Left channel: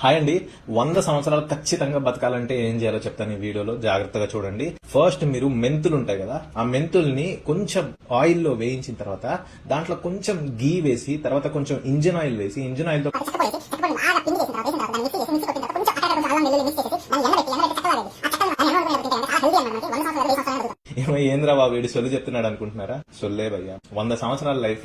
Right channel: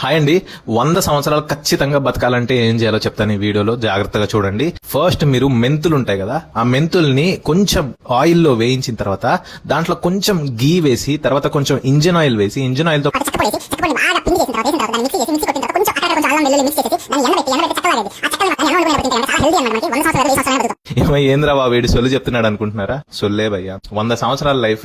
Hi అండి. 100 సంవత్సరాలు ఖచ్చితంగా బతకాలంటే ఏం చేయాలో చెప్తాను ఈ వీడియోలో, జాగ్రత్తగా చూడండి. ఫస్ట్ మీరు మెంతులు ఉంటాయి కదా, ఆ మెంతుల్ని కొంచెం ఆయిల్లో వేయించిన తర్వాత దాంట్లో కొంచెం గీ వేసి తర్వాత కొంచెం ఇంజిన్ ఆయిల్ వేసి ఇంజిన్ ఆయిల్ తో ఏంద్రా బాబు వీడి సొల్లు చెప్తున్నాడు అనుకుంటున్నారా? సొల్లే భయ్యా. 100 సంవత్సరాల లైఫ్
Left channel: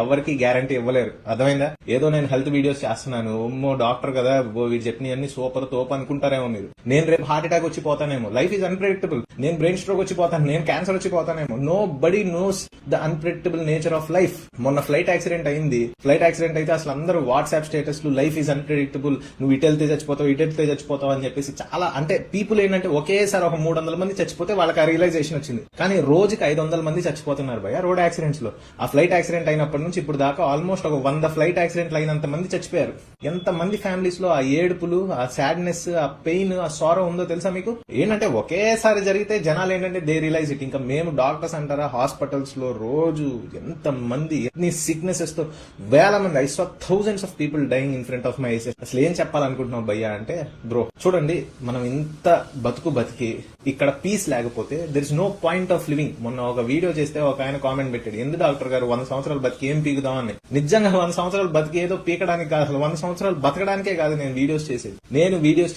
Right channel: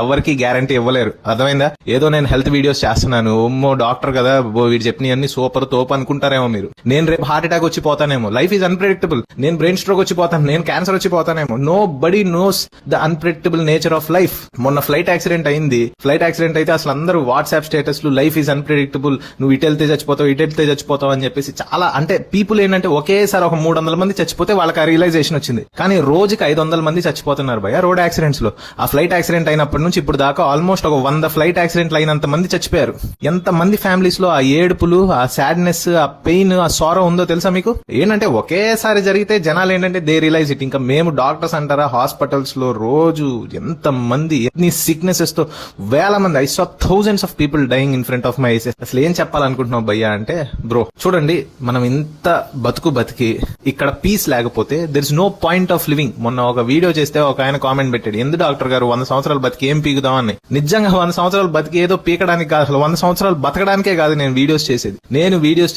ఎవరికి గ్యారంటీ ఇవ్వలేరు, అర్థమైందా? ఏదో నేను హెల్త్ వీడియోస్ చేస్తున్నాను, ఓమ్మో డాక్టర్ కదా వీడు చెప్పినవన్నీ సూపర్ తోపు అనుకుంటారేమో మీరు. నేను రేపు హార్ట్ అటాక్ వచ్చి పోతానేమో. Life is unpredictable. నేను బ్రెయిన్ స్ట్రోక్ వచ్చి పోతాను, నేను క్యాన్సర్ వచ్చి పోతానేమో. Nobody knows the unpredictable nature of life. మొన్న ఫ్లైట్ యాక్సిడెంట్ అయింది. ఫ్లైట్ యాక్సిడెంట్ అయితే అసలు అందరూ వాట్సాప్ స్టేటస్ లు లైఫ్ ఈజ్ అన్ప్రెడిక్టబుల్, నువ్వు ఇటు వెళ్తే చచ్చిపోతావు అని చెప్పేసి చాలా, అంటే పీపుల్ ఏంటంటే ఒకేసారి ఒక 300 మంది చచ్చిపోతే వాళ్ళకి ఆ రియలైజేషన్ వచ్చింది. కానీ రోజుకి 500 మంది చచ్చిపోతున్నారు భయ రోడ్ యాక్సిడెంట్స్ లో. ఆ ఫ్లైట్ యాక్సిడెంట్ అయినప్పటి నుంచి ఇప్పుడు దాకా ఆల్మోస్ట్ ఒక 100 ఫ్లైట్ యాక్సిడెంట్లు అయినంత మంది చచ్చిపోయారు. ఎంత మంది ఫ్యామిలీస్ లో ఆ ఏడుపులు, ఆ సాడ్నెస్, ఆ పెయిన్, ఆ సారో ఉందో తెలుసా మీకు? ఏంటంటే ఒకేసారి జరిగితే జనాలు ఏంటంటే దే రియలైజ్ ఇట్. ఇంకా మేము డాక్టర్స్ అంటారా, హాస్పిటల్స్ లో రోజు ఎంత మంది ఎన్ని సిక్నెసెస్ తో వేల మంది, I saw thousands of people dying in front of my eyes. అసలు ఏం చెప్పాలనుకుంటున్నావు భయ్యా అంటే, బ్రో చూడండి, మనం ఇంత బతికి ఇక్కడ పీస్ లేకపోతే there is no point of living. మొన్న ఒక వీడియో చేస్తే ఒక ఆయన కామెంట్ పెట్టాడు, ఎందుకు డాక్టర్ గారు 100 సంవత్సరాలు బతికి ఏం పీకుదామని. నిజంగా 100 సంవత్సరాలు బతికి ఏదో పీకడానికి కాదు, అసలు 100 సంవత్సరాలు బతకడానికే కాదు నేను వీడియోస్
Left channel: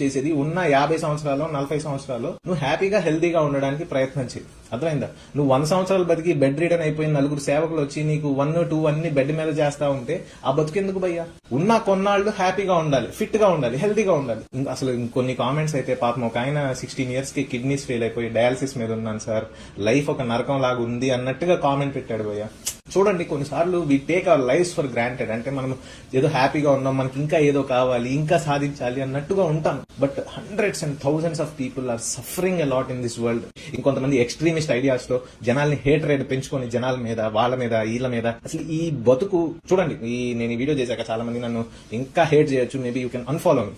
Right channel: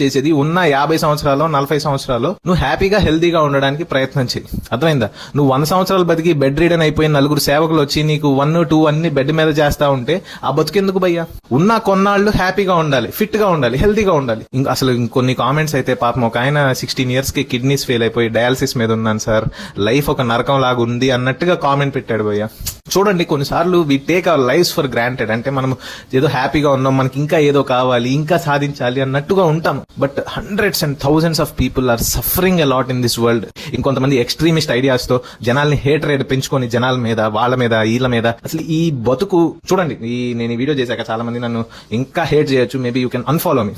చేసేది. ఉన్న 50 సంవత్సరాలు 40 సంవత్సరాలు నువ్వు హ్యాపీగా హెల్దీగా ఉండడానికి ప్రయత్నం చేయి, అర్థమైందా? నువ్వు 100 సంవత్సరాలు బతికి బెడ్ రీడన్ అయిపోయి నలుగురు సేవకులు వచ్చి నీకు 1, 2 అన్ని బెడ్ మీద చేస్తా ఉంటే ఆ బతుకెందుకు భయ్యా? ఉన్న కొన్నాళ్ళు హ్యాపీగా ఉండాలి, ఫిట్ గా ఉండాలి, హెల్దీగా ఉండాలి. అసలు ఇంకొన్ని కామెంట్స్ అయితే పాపం ఒక ఆయన 16 years కి కిడ్నీస్ ఫెయిల్ అయిపోయి డయాలసిస్ మీద ఉన్నాను సార్, లైఫ్ ఒక నరకం లాగా ఉంది అన్నట్టుగా కామెంట్ పెట్టాడు భయ్యా. చూడండి, కొన్నిసార్లు we take our lives for granted. అంటే మనం ఏదో హ్యాపీగా ఉన్నాం, మనకి ఇంకా ఏదో కావాలి, ఇంకా సాధించాలి అన్నట్టుగా ఉంటాం. But hundreds and thousands of people are suffering a lot in this world. ఇంకొంతమంది ఎక్స్ట్రీమిస్ట్ ఐడియాస్ తో జనాల్ని హేట్ రేట్ పెంచుకొని జనాల మీద, వాళ్ళ మీద, వీళ్ళ మీద. అసలు ఈ బతుకు చూడండి, నేను ఈ వీడియో చేశాక చాలా మంది నన్ను ఇంకా హేట్ చేయొచ్చు, maybe you can unfollow me,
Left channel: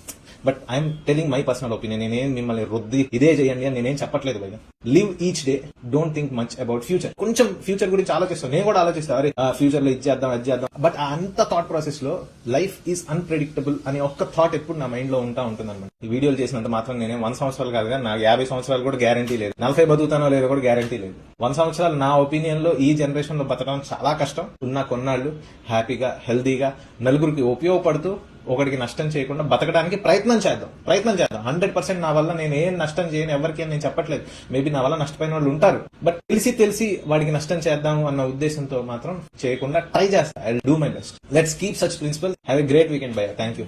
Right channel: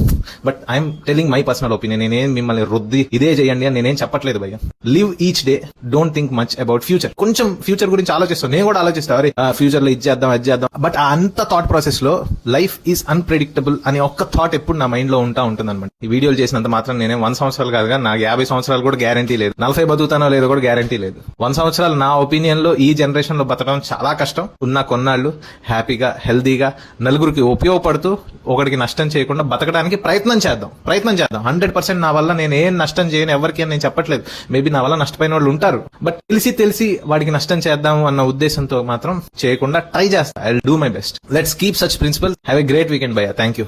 but I'm telling my personal opinion. నేనేం మిమ్మల్ని రుద్ది ఇదే చేయండి అని నేనేం చెప్పట్లేదు భయ్య. Live each day, don't think much about future. కొంచెం ఫ్యూచర్ గురించి ఆలోచిస్తాను, నేను కూడా ఆలోచిస్తాను, అరే ఫ్యూచర్ లో ఇది చేద్దాం అది చేద్దాం. బట్ ఆ అంత థాట్ ప్రాసెస్ లో లైఫ్ ఈజ్ అన్ప్రెడిక్టబుల్ అని ఒక్క థాట్ ఎప్పుడు నా మైండ్ లో ఉంటుంది అనమాట. ఈ వీడియోలు చేసినంత మాత్రం నేనే 100 సంవత్సరాలు కాదుగా, నాకు 50 సంవత్సరాలు కూడా గ్యారంటీ లేదు, 40 బతుకుతానో లేదో కూడా గ్యారంటీ లేదు. 100 సంవత్సరాలు నా ఒపీనియన్ లో ఈ జనరేషన్ లో బతకడం చాలా కష్టం. ఉన్న కొన్నాళ్ళు హ్యాపీగా హెల్దీగా నలుగురికి ఉపయోగపడుతూ ఒకరికి నష్టం చేయకుండా బతకడానికి ప్రయత్నం చేద్దాం. 100% నా వల్ల నేను ఏం నష్టం చేయను ఎవరికి అని నేను చెప్పట్లేదు. మేబీ నా వల్ల నష్టపోయిన వాళ్ళు ఉంటారు, బట్ తెలిసి వాడికి నష్టం చేద్దాం అన్న ఉద్దేశంతో మాత్రం చేయకుండా ట్రై చేస్తా. I will do my best. Let's keep such principles. Have a great weekend భయ్యా. Thank you.